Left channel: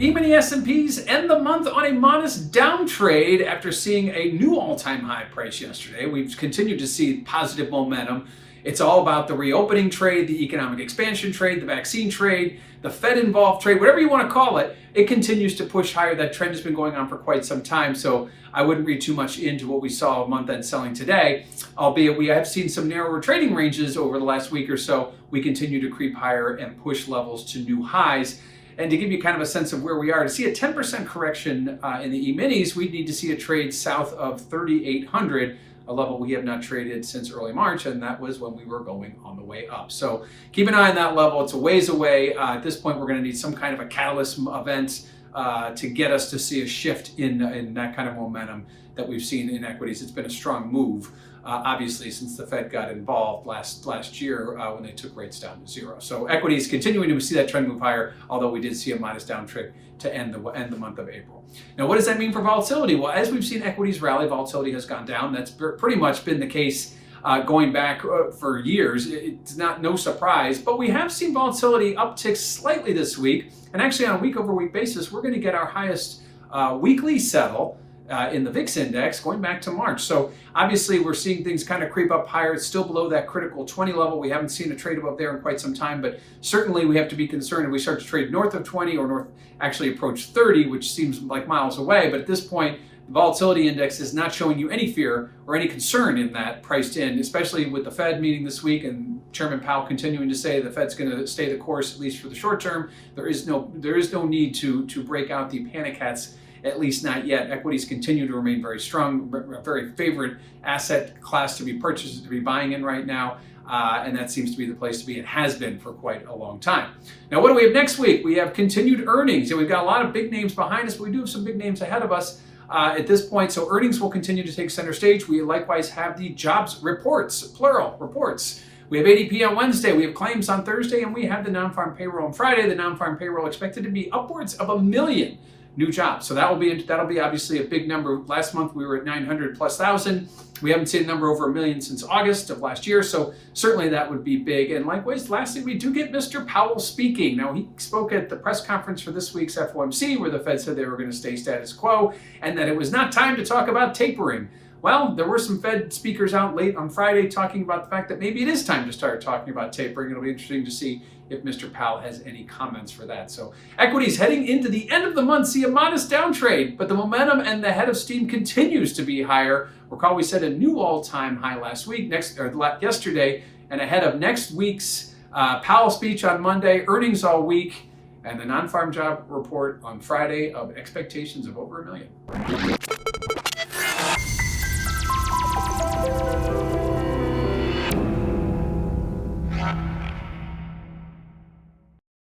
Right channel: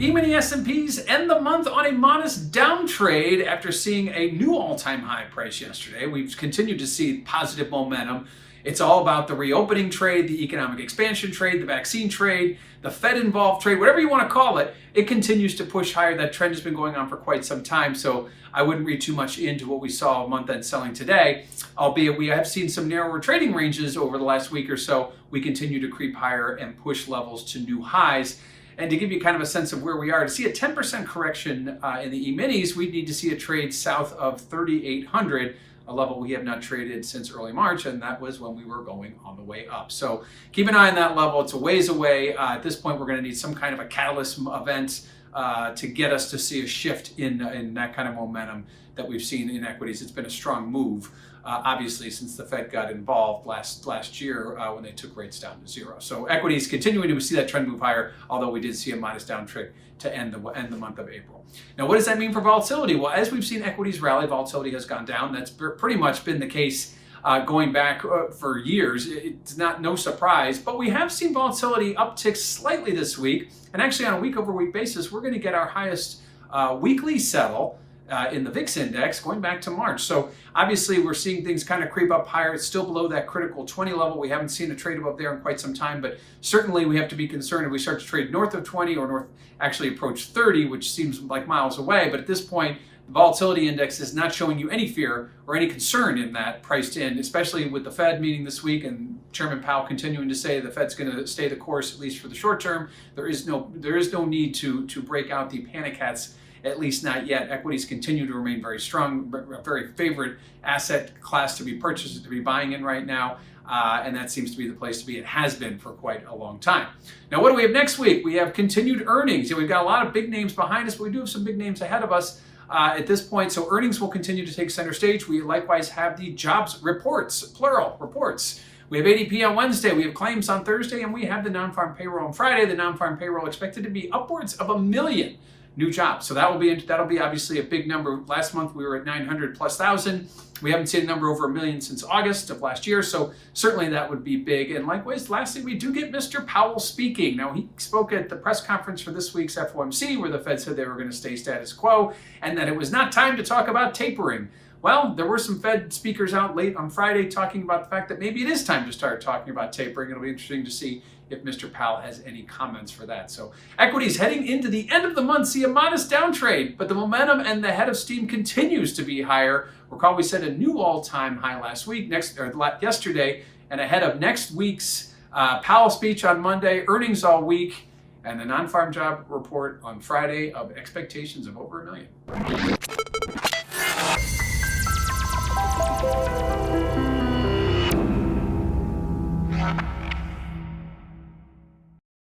E-mini S&Ps end the month on a modest downtrade after seeing a new all-time high price yesterday. We've continued to see positive momentum. It's all about the reopening trade, the economic expansion trade, the vaccine trade, the Fed-involved trade, whatever you want to call it. It continues to push higher. That trend has been going on for quite some time, so I wouldn't read too much into what we saw month-end selling today, albeit we have seen some narrower trading ranges over the last week or so. We continue to creep higher and push levels to new highs. And to give you kind of a sense of where we are, to see a 10% correction in the E-minis, we'd need to see a trade south of 3,800, a level we have not traded since early March, and that was when we were going on the way up. So keep an eye on that level. It's a ways away. At this point, we're going to need some kind of a catalyst event to get us to see a shift in that kind of momentum that we've seen in equities. It's been a strong move, obviously, since the Fed got involved last year when they took rates down to zero. So equities continuing to see that trend move higher, although we did see a modest downtrend to end the month of April. Now, what does that mean for volatility? Well, as we've seen equities rally, volatility has gone down. That's pretty much been the case going back for years. It's no surprise, but we have seen volatility uptick slightly this week. And actually, on a week-over-week basis, we're going to get our highest weekly settle in the VIX index going back to March. So obviously we're seeing things kind of creep up higher. It's still below that critical 20 level. We haven't seen a trade above there in quite some time, but certainly we have to be concerned if we start to trade north of 20 or actually approach 30, which seems like miles away. But at this point, the volatility index is not showing you any fear or any concern in that priced in, especially with the Fed meeting this week and Chairman Powell continuing to say the Fed's going to stay the course, at least for the short term. There is no need to break out the panic hats, at least not yet. Equities continue to remain very strong, a very favorite asset class to be purchased, to be buying in right now. And that seems to be the place to be. It has been for quite a long time. Now, what do we have next week? We have continued earnings. We've got a lot of big names behind us, but we do have some big names ahead of us at this point. So earnings will continue to take center stage. We likewise have the jobs reports, plural reports. We have ADP on Wednesday, we have claims on Thursday, and we have the non-farm payroll on Friday. The non-farm payroll expected to be upwards of 1 million new jobs. So that'll be obviously a big number. Last month we were at 900,000+. We haven't seen a number over 1 million since August of last year. So certainly that would be big. And likewise, lastly, we do get Mr. Powell speaking. Now, he spoke at the press conference for this week's FOMC, where the Fed said they were going to stay status quo and that it was not time to talk about tapering. Well, there were some Fed speakers out late on Friday talking about the fact that maybe it is time to start talking about tapering. It'll be interesting to see if Mr. Powell has any comments for that. So equities heading into the end of the month see a modest downtrade, but the momentum and the head of steam continues to be higher. Recall we set a new all-time high yesterday, and ahead of next week's Powell speech on Monday, earnings all week, and the non-farm job report on Friday of expectations of over 1 million.